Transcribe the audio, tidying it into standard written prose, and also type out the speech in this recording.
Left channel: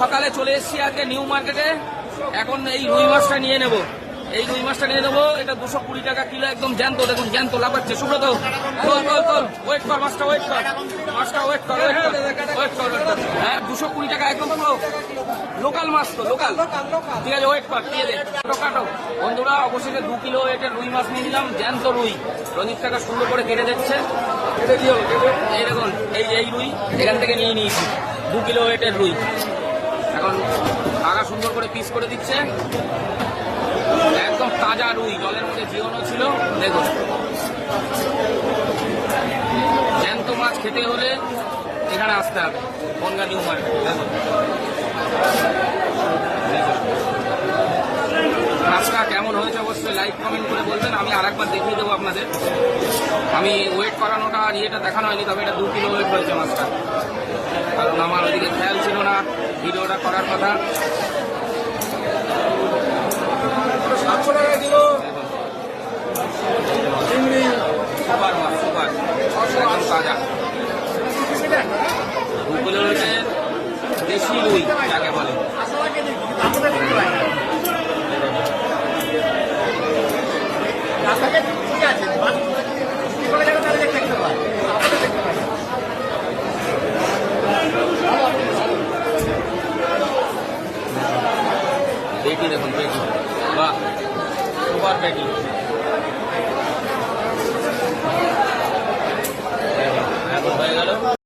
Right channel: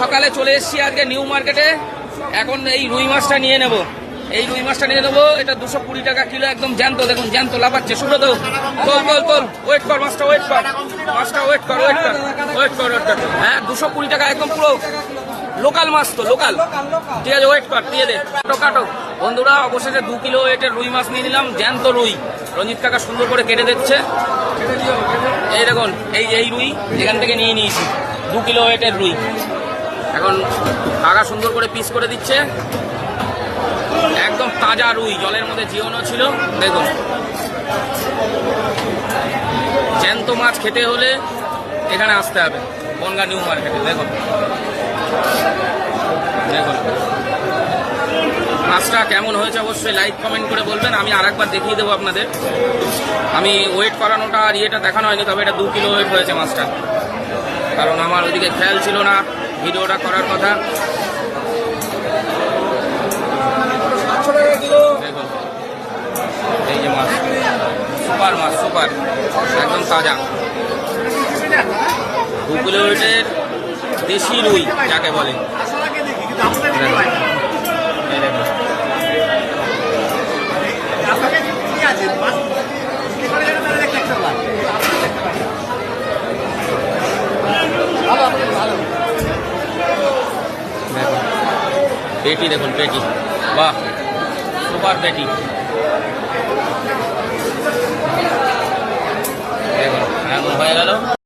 সকালে চলে এসেছি আজকে নিউ মার্কেটে। এখন এই রুই মাছটা নিয়ে নেব। এটা 220 টাকা কিলো, একদম জ্যান্ত। দেখুন জ্যান্ত লাফাচ্ছে। সুব্রত তোল ওয়েট কর, মাছটা ওয়েট কর। হ্যাঁ 220 টাকা, একদম পুরো লোকাল মাছ, তো লোকাল। ঠিক আছে, ওয়েট কর, দিয়ে দে। কাটো বন্ধুরা, অবশেষে 2 কিলো ওয়েটের রুই মাছ নিয়ে নিলাম। জ্যান্ত রুই, রঞ্জিত কাকা সুন্দর করে কেটে দিচ্ছে। এই দেখুন, এই রুই এখান থেকে নিয়ে নিয়েছি, 2 কিলো ওয়েটের রুই। এখন কাকা সুন্দর করে পিস করে দিচ্ছে। একদম তাজা রুই, জলের মধ্যে জিওনো ছিল। দেখুন, জ্যান্ত মাছ খেতে হলে এখানে আসতে হবে, বনগাঁ নিউ মার্কেটে। দেখুন মাছটা কেমন হয়েছে অবশ্যই লাইক কমেন্ট করে বলবেন। আমি আরেকবার দেখিয়ে দেবো আপনাদের। আমি ওয়েট করানোটা আর ইয়েটা দেখানো হয়নি, তবে এটা 2 কিলো ওয়েট হয়েছে মাছটা, কারণ আমার ওদিকে খেয়াল ছিল না ভিডিওটা করার কথা। দেখুন এই যে মাছ, সুপার মাছ, সুপার, একদম তাজা 2 কিলো ওয়েটের দেশি রুই যাকে বলে। পেটি দেখুন, পেটি, বাহ, সুপার পেটি। দেখুন এখন হয়ে গেল।